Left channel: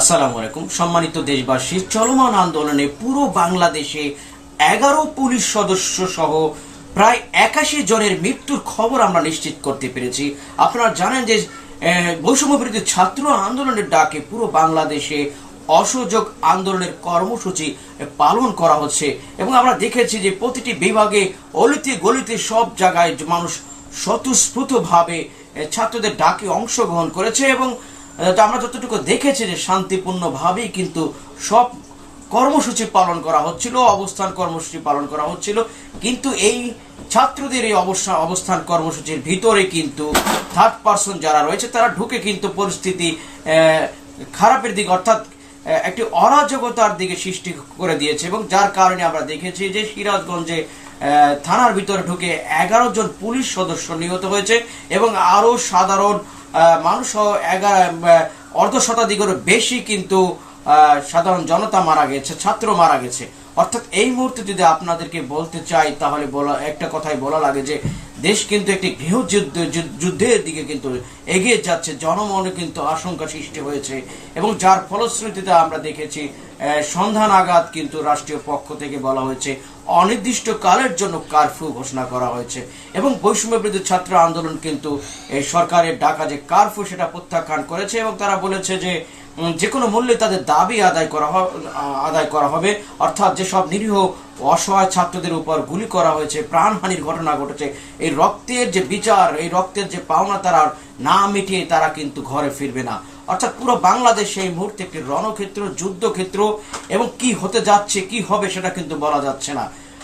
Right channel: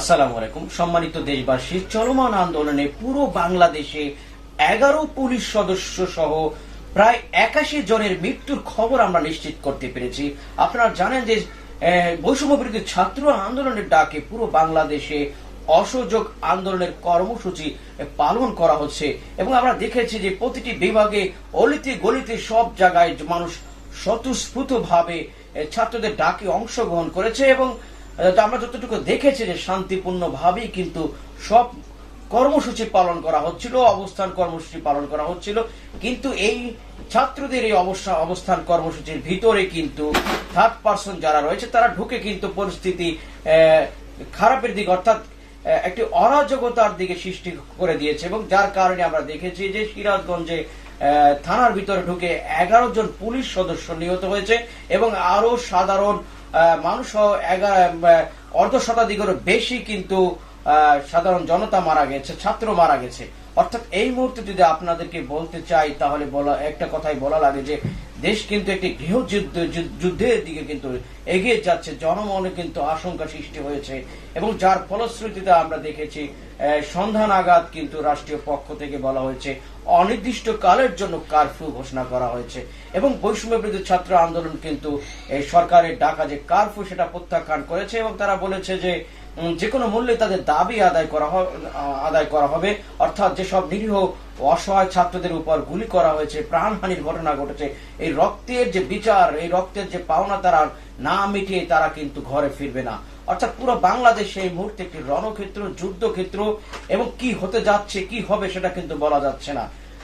আসসালামু আলাইকুম। সম্মানিত দেশবাসী, চলমান আন্দোলনে পুরো বাংলাদেশে এগারো পুলিশ সদস্য সহ প্রায় একাশি জনের মৃত্যুর খবর আমরা নিশ্চিত করতে পেরেছি। আপনারা জানেন যে বৈষম্য বিরোধী ছাত্র আন্দোলনের ডাকে পুরো বাংলাদেশে অসহযোগ আন্দোলনের কর্মসূচি পালন করা হচ্ছে এবং আমরা দেখেছি যে প্রতিটি বিভাগে অলিতে গলিতে সব জায়গায় মানুষ স্বতঃস্ফূর্ত ভাবে ছাত্রদের ডাকে অংশগ্রহণ করেছে এবং আমরা যতটুকু দেখেছি যে শান্তিপূর্ণ ভাবেই কিন্তু সব কর্মসূচি পালন করা হচ্ছিল, অবস্থান কর্মসূচি পালন করা হচ্ছিল, কিন্তু এই ছাত্রদের এই অবস্থা, অবস্থান কর্মসূচির ভিতরে কিন্তু থার্ড পার্সন যারা রয়েছে, তারা ঢুকে কিন্তু পরিস্থিতি খারাপের দিকে অর্থাৎ একটি অরাজকতার দিকে সৃষ্টি করে দিয়েছে এবং যার কারণে আমরা দেখেছি যে সিরাজগঞ্জে থানার ভিতরে ঢুকে এগারো জন পুলিশ সদস্য নিহত হয়েছে এবং আরও সাধারণ মানুষ অর্ধ শতাধিকেরও বেশি কিন্তু সাধারণ জনতা মারা গেছে, ছাত্র মারা গেছে। অর্থাৎ এই মুহূর্তে যদি আপনাদেরকে বলতে চাই, তাহলে বলা, একটা কথাই বলা লাগে যে দেশ কিন্তু একটি গৃহযুদ্ধ যুদ্ধ- যুদ্ধের দিকে কিন্তু এগিয়ে যাচ্ছে। জনমনে কিন্তু আশঙ্কা সৃষ্টি হয়েছে এবং যার ফলশ্রুতিতে আমরা দেখেছি সন্ধ্যা নাগাদ কিন্তু রাষ্ট্রীয় পক্ষ থেকে বলা হয়েছে। অনির্দিষ্ট কালের জন্য কারফিউ ঘোষণা করা হয়েছে এবং বৈষম্য বিরোধী ছাত্র আন্দোলন কিন্তু সরকারের ডাকা যে কারফিউ সেটা প্রত্যাখ্যান করেছে এবং তারা বলেছে যে যে কোনো মূল্যে তাদের দাবি আদায় করা আদায় করা হবে। অর্থাৎ যেসব নিরীহ অসহায় ছাত্রদের উপর গুলি করা হয়েছে, প্রাণহানির ঘটনা ঘটেছে। এই রক্তের যে বিচার, এই রক্তের যে পাওনা তারা না মিটিয়ে তারা কিন্তু ঘরে ফিরবে না। অর্থাৎ পুরো বাংলাদেশ এই মুহূর্তে একটি রণক্ষেত্র, যুদ্ধক্ষেত্র, এবং কি হতে যাচ্ছে, কি হবে সেটা কিন্তু বলা যাচ্ছে না।